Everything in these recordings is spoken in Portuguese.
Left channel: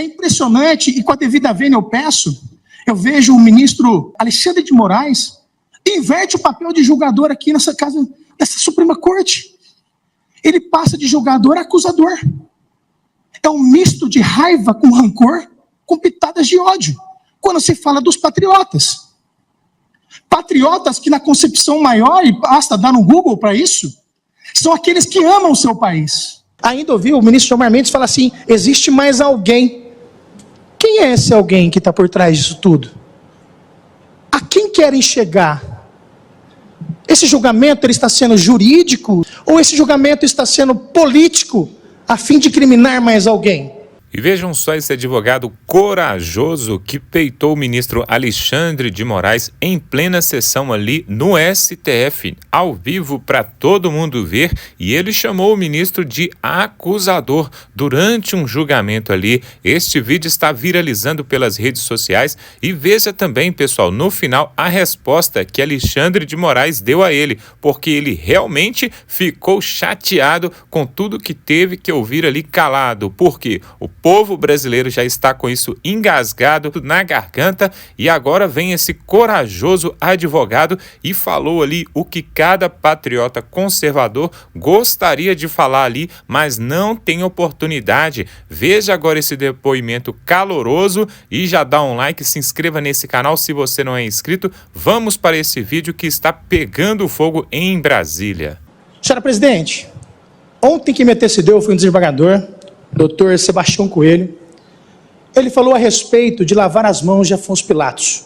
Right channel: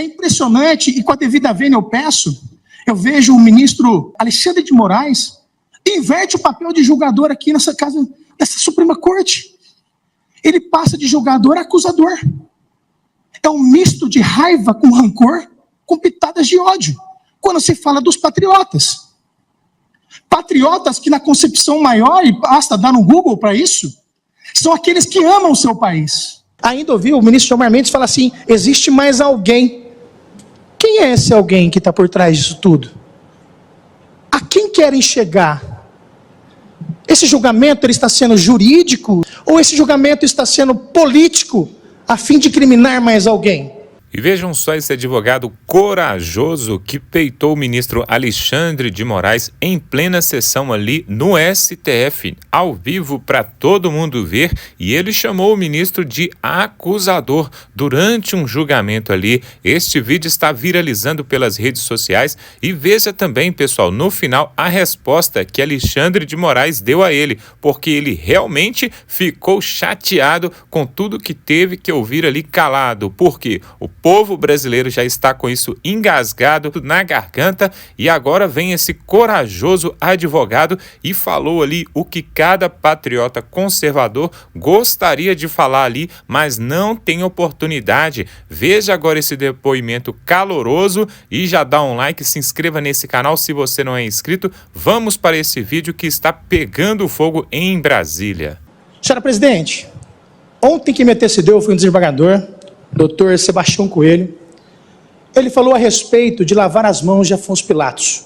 É impressionante, e com a devida vênia eu vejo o ministro Alexandre de Moraes inverte o papel de julgador aqui nessa casa, nessa Suprema Corte. Ele passa de julgador a acusador. É um misto de raiva com rancor, com pitadas de ódio, quando se fala dos patriotas. Patriotas que na concepção maior, e basta dar no Google para isso, são aqueles que amam o seu país. Ainda ouvi o ministro Gilmar Mendes falar assim, existe mais alguém. Quem é esse alguém que está por trás disso tudo? A quem querem chegar? Esse julgamento ele está sendo jurídico ou esse julgamento está sendo político a fim de criminar mais alguém? E vejam só esse advogado corajoso que peitou o ministro Alexandre de Moraes em plena sessão ali no STF, ao vivo para todo mundo ver, e ele chamou o ministro de acusador durante um julgamento ali. Este vídeo está viralizando pelas redes sociais e veja também, pessoal, no final a resposta que Alexandre de Moraes deu a ele, porque ele realmente ficou chateado com tudo que teve que ouvir ali calado, porque o povo brasileiro já está com isso engasgado na garganta e agora vem esse corajoso advogado e falou ali o que cada patriota conservador gostaria de falar ali, mas não tem oportunidade. Veja agora esse depoimento caloroso e já dá um like, se inscreva nesse canal se você não é inscrito. Vamos para esse vídeo que está pegando fogo em Brasília. Senhora presidente, ontem que me antecedeu foi um desembargador, Dr. Sebastião Coelho. Ele falou a respeito de lavar as mãos de Afonso Pilatos.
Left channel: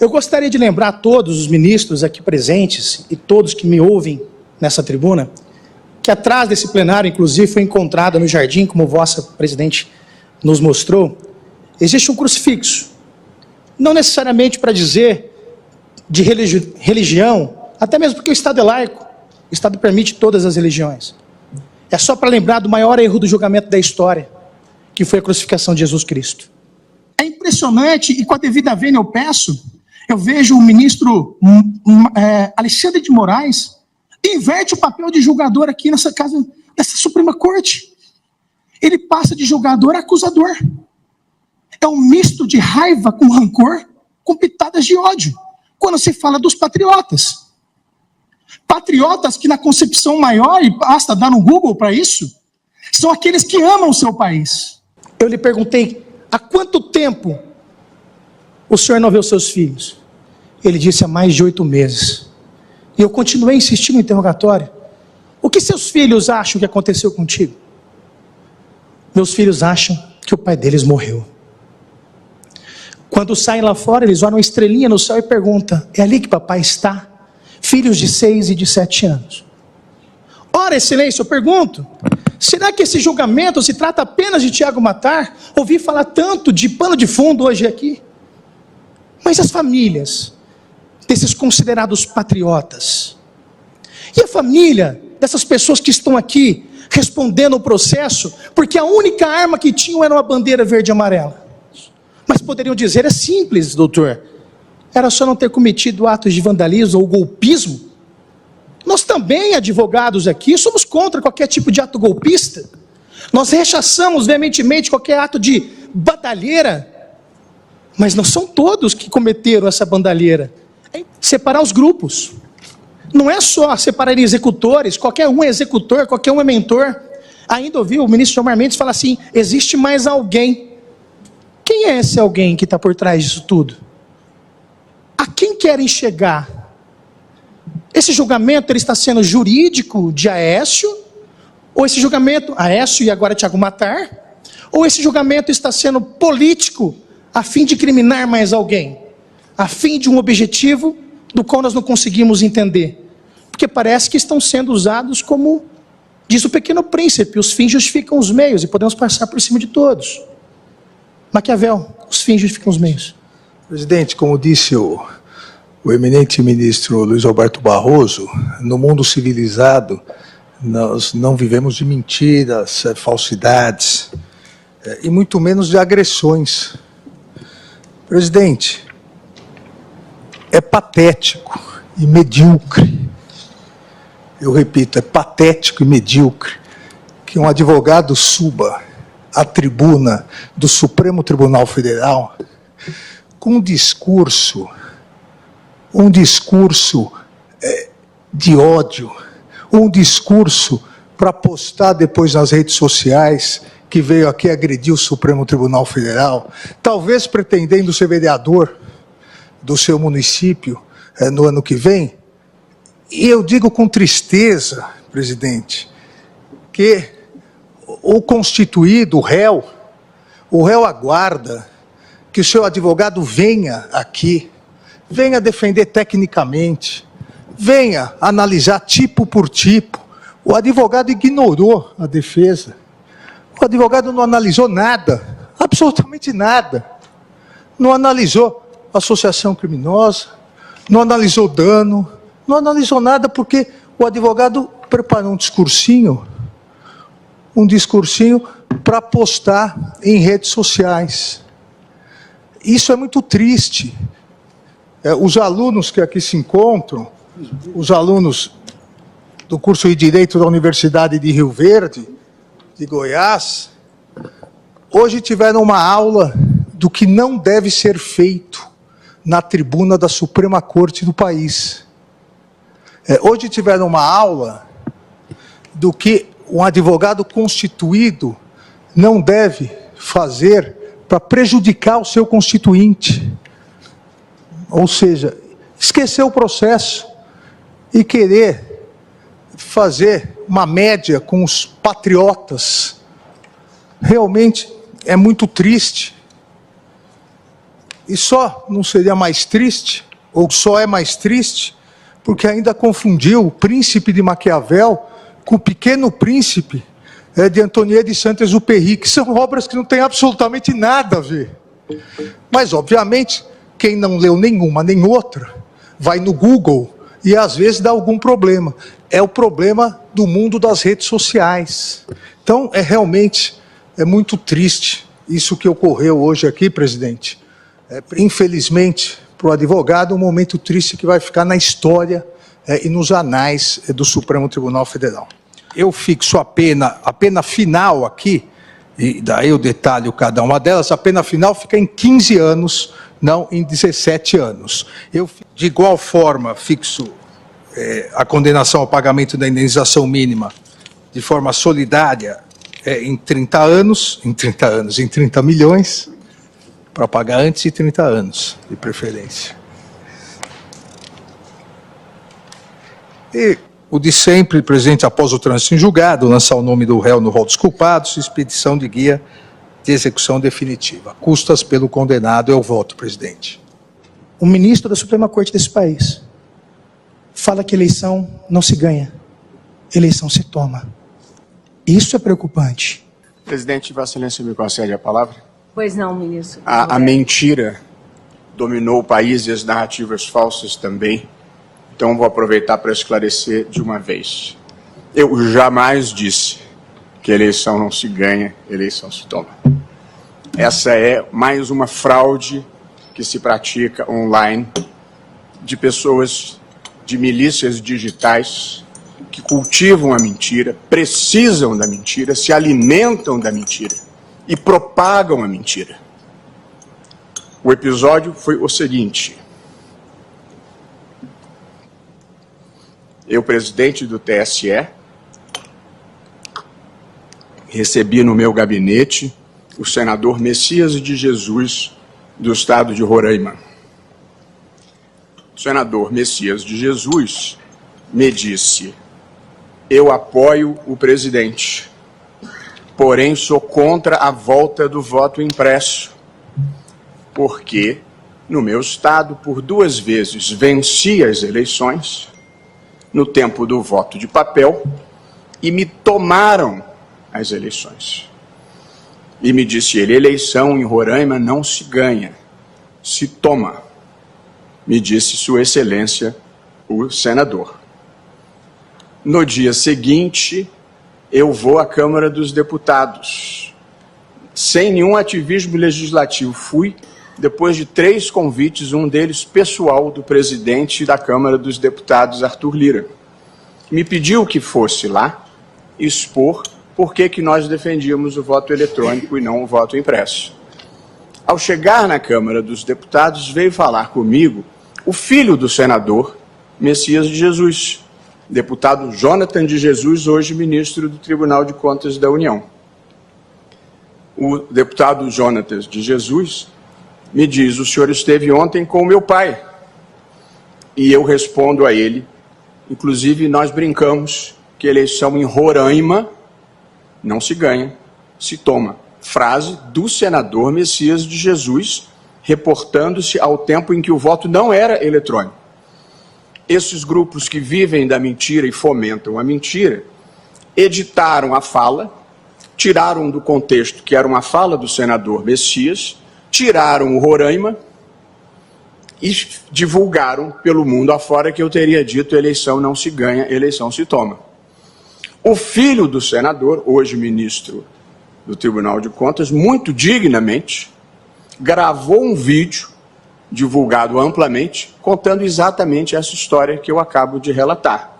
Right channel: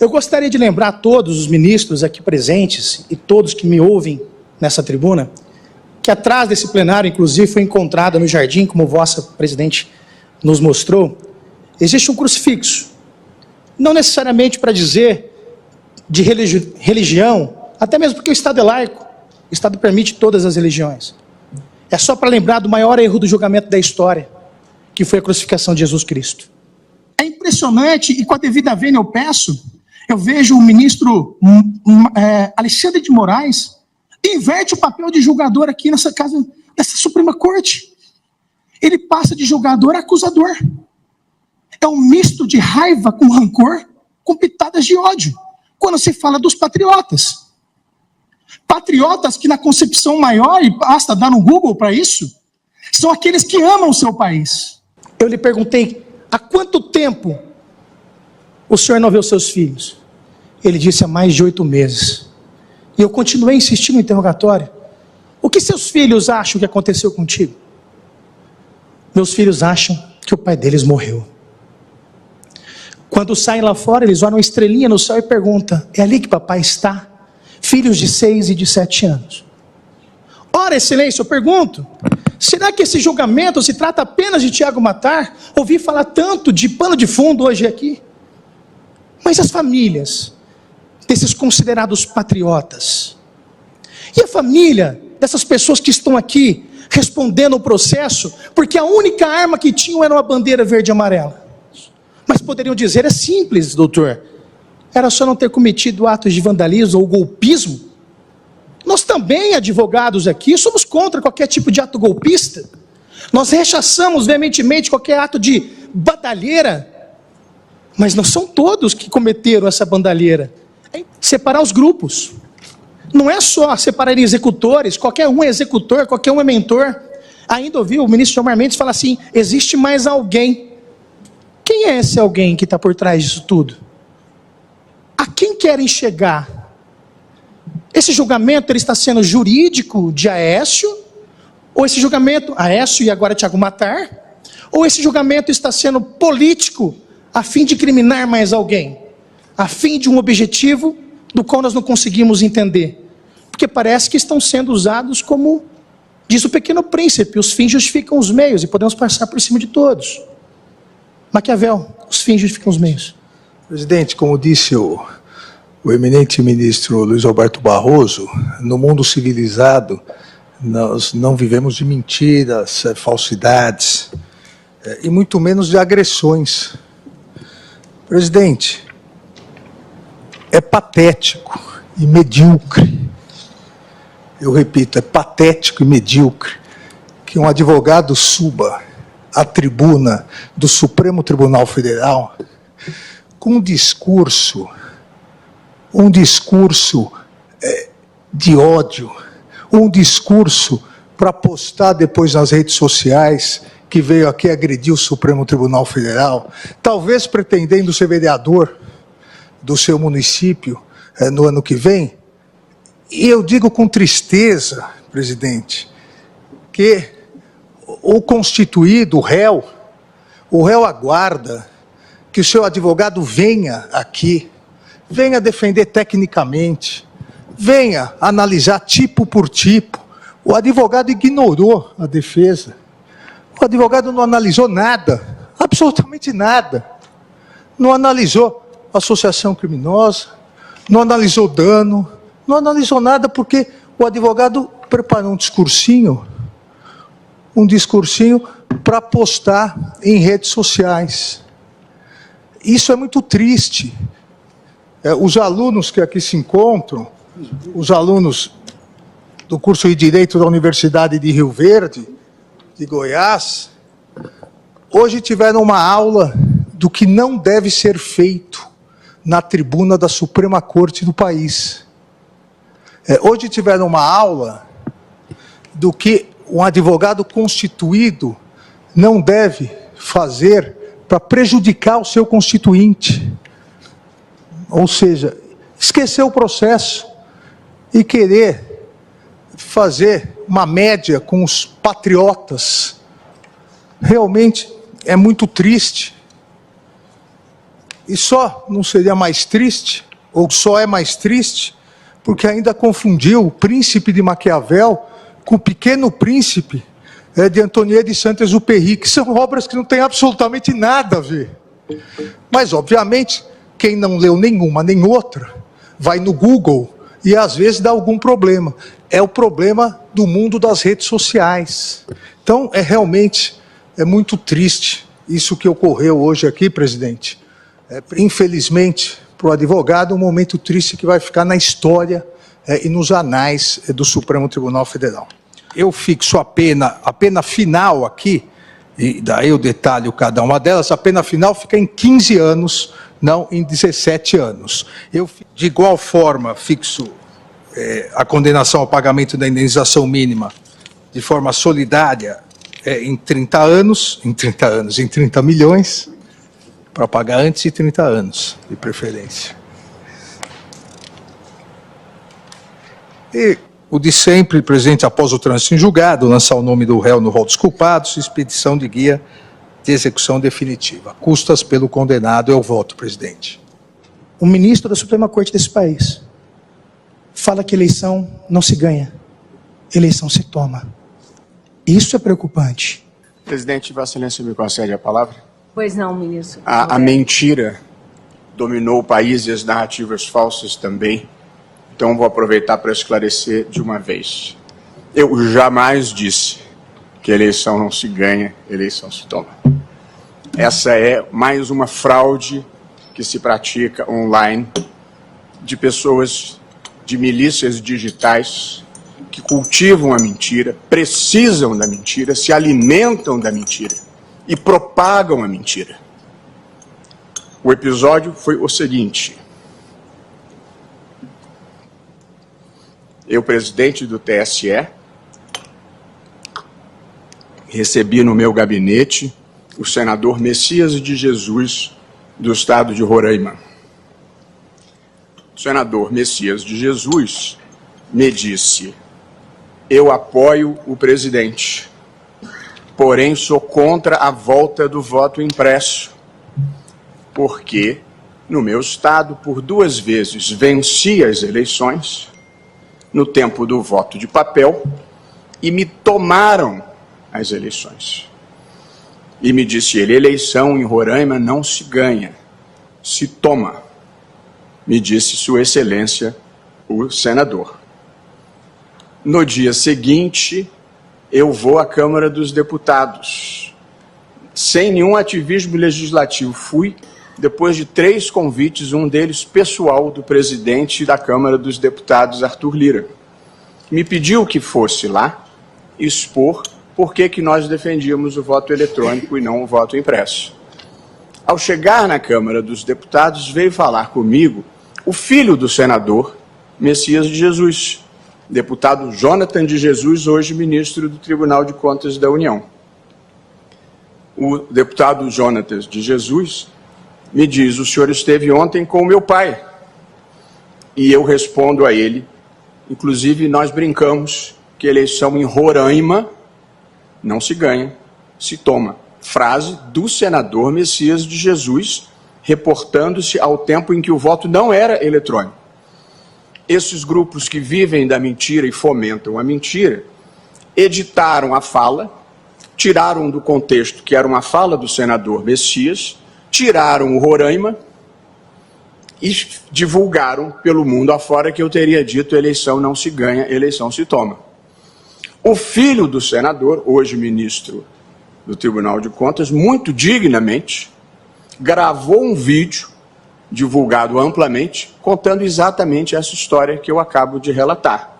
Eu gostaria de lembrar a todos os ministros aqui presentes e todos que me ouvem nessa tribuna, que atrás desse plenário, inclusive, foi encontrado no jardim, como vossa presidente nos mostrou, existe um crucifixo. Não necessariamente para dizer de religião, até mesmo porque o Estado é laico, o Estado permite todas as religiões. É só para lembrar do maior erro do julgamento da história, que foi a crucificação de Jesus Cristo. É impressionante, e com a devida vênia eu vejo o ministro Alexandre de Moraes inverte o papel de julgador aqui nessa casa, nessa Suprema Corte. Ele passa de julgador a acusador. É um misto de raiva com rancor, com pitadas de ódio, quando se fala dos patriotas. Patriotas que na concepção maior, e basta dar no Google para isso, são aqueles que amam o seu país. Eu lhe perguntei, há quanto tempo o senhor não vê os seus filhos? Ele disse, há mais de 8 meses. E eu continuei insistindo no interrogatório. O que seus filhos acham que aconteceu contigo? Meus filhos acham que o pai deles morreu. Quando saem lá fora, eles olham uma estrelinha no céu e perguntam, é ali que papai está? Filhos de 6 e de 7 anos. Ora, excelência, eu pergunto, será que esse julgamento se trata apenas de Tiago Matar? Ouvi falar tanto de pano de fundo hoje aqui. Mas as famílias desses considerados patriotas? E a família dessas pessoas que estão aqui respondendo o processo, porque a única arma que tinham era uma bandeira verde e amarela? Mas poderiam dizer, é simples, doutor. Era só não ter cometido atos de vandalismo ou golpismo. Nós também, advogados aqui, somos contra qualquer tipo de ato golpista. Nós rechaçamos veementemente qualquer ato de bandalheira. Mas não são todos que cometeram essa bandalheira. É separar os grupos. Não é só separar executores, qualquer um é executor, qualquer um é mentor. Ainda ouvi o ministro Gilmar Mendes falar assim, existe mais alguém. Quem é esse alguém que está por trás disso tudo? A quem querem chegar? Esse julgamento ele está sendo jurídico de Aécio? Ou esse julgamento, Aécio e agora Tiago Matar? Ou esse julgamento está sendo político a fim de criminar mais alguém? A fim de um objetivo do qual nós não conseguimos entender? Porque parece que estão sendo usados como, diz o Pequeno Príncipe, os fins justificam os meios e podemos passar por cima de todos. Maquiavel, os fins justificam os meios. Presidente, como disse o eminente ministro Luiz Roberto Barroso, no mundo civilizado nós não vivemos de mentiras, falsidades e muito menos de agressões. Presidente, é patético e medíocre, eu repito, é patético e medíocre que um advogado suba à tribuna do Supremo Tribunal Federal com um discurso de ódio, um discurso para postar depois nas redes sociais, que veio aqui agredir o Supremo Tribunal Federal, talvez pretendendo ser vereador do seu município no ano que vem. E eu digo com tristeza, presidente, que o constituído, o réu aguarda que o seu advogado venha aqui, venha defender tecnicamente, venha analisar tipo por tipo. O advogado ignorou a defesa. O advogado não analisou nada, absolutamente nada. Não analisou associação criminosa, não analisou dano, não analisou nada porque o advogado preparou um discursinho para postar em redes sociais. Isso é muito triste. Os alunos que aqui se encontram, os alunos do curso de Direito da Universidade de Rio Verde, de Goiás, hoje tiveram uma aula do que não deve ser feito na tribuna da Suprema Corte do país. Hoje tiveram uma aula do que um advogado constituído não deve fazer para prejudicar o seu constituinte. Ou seja, esquecer o processo e querer fazer uma média com os patriotas. Realmente é muito triste. E só não seria mais triste, ou só é mais triste, porque ainda confundiu o Príncipe de Maquiavel com o Pequeno Príncipe de Antonier de Saint-Exupéry, que são obras que não têm absolutamente nada a ver. Mas, obviamente, quem não leu nenhuma nem outra, vai no Google e às vezes dá algum problema. É o problema do mundo das redes sociais. Então, realmente muito triste isso que ocorreu hoje aqui, presidente. Infelizmente, para o advogado, um momento triste que vai ficar na história e nos anais do Supremo Tribunal Federal. Eu fixo a pena final aqui, e daí eu detalho cada uma delas, a pena final fica em 15 anos, não em 17 anos. Eu, de igual forma, fixo a condenação ao pagamento da indenização mínima de forma solidária em 30 milhões, para pagar antes de 30 anos, de preferência. E o de sempre, presidente, após o trânsito em julgado, lançar o nome do réu no rol dos culpados, expedição de guia de execução definitiva. Custas pelo condenado é o voto, presidente. O ministro da Suprema Corte desse país fala que eleição não se ganha, eleição se toma. Isso é preocupante. Presidente, Vossa Excelência me concede a palavra? Pois não, ministro. A mentira dominou o país e as narrativas falsas também. Então vou aproveitar para esclarecer de uma vez. Eu jamais disse que eleição não se ganha, eleição se toma. Essa é mais uma fraude que se pratica online de pessoas, de milícias digitais que cultivam a mentira, precisam da mentira, se alimentam da mentira e propagam a mentira. O episódio foi o seguinte: eu, presidente do TSE, recebi no meu gabinete o senador Messias de Jesus, do estado de Roraima. O senador Messias de Jesus me disse: eu apoio o presidente, porém sou contra a volta do voto impresso, porque no meu estado, por 2 vezes, venci as eleições no tempo do voto de papel e me tomaram as eleições. E me disse ele: eleição em Roraima não se ganha, se toma. Me disse Sua Excelência, o senador. No dia seguinte, eu vou à Câmara dos Deputados, sem nenhum ativismo legislativo. Fui, depois de 3 convites, um deles pessoal do presidente da Câmara dos Deputados, Arthur Lira. Me pediu que fosse lá expor por que nós defendíamos o voto eletrônico e não o voto impresso. Ao chegar na Câmara dos Deputados, veio falar comigo o filho do senador Messias de Jesus, deputado Jonathan de Jesus, hoje ministro do Tribunal de Contas da União. O deputado Jonathan de Jesus me diz: o senhor esteve ontem com o meu pai. E eu respondo a ele, inclusive nós brincamos que eleição em Roraima não se ganha, se toma. Frase do senador Messias de Jesus, reportando-se ao tempo em que o voto não era eletrônico. Esses grupos que vivem da mentira e fomentam a mentira, editaram a fala, tiraram do contexto que era uma fala do senador Messias, tiraram o Roraima e divulgaram pelo mundo afora que eu teria dito: eleição não se ganha, eleição se toma. O filho do senador, hoje ministro do Tribunal de Contas, muito dignamente, gravou um vídeo, divulgado amplamente, contando exatamente essa história que eu acabo de relatar.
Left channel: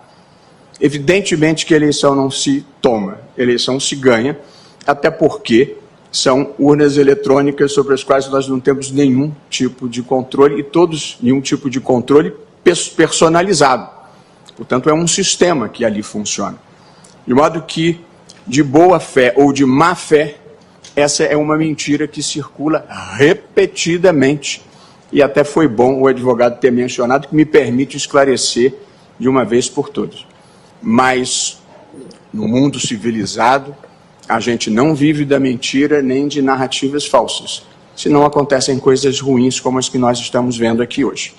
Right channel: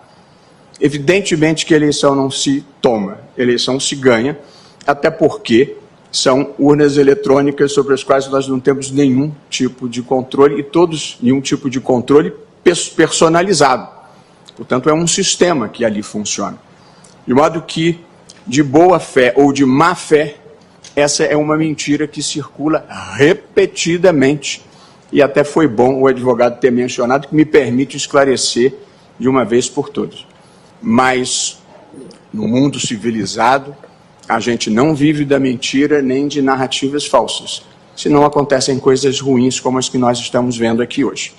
Evidentemente que a eleição não se toma, a eleição se ganha, até porque são urnas eletrônicas sobre as quais nós não temos nenhum tipo de controle, e todos nenhum tipo de controle personalizado. Portanto, é um sistema que ali funciona. De modo que, de boa fé ou de má fé, essa é uma mentira que circula repetidamente, e até foi bom o advogado ter mencionado, que me permite esclarecer de uma vez por todas. Mas, no mundo civilizado, a gente não vive da mentira nem de narrativas falsas, senão acontecem coisas ruins como as que nós estamos vendo aqui hoje.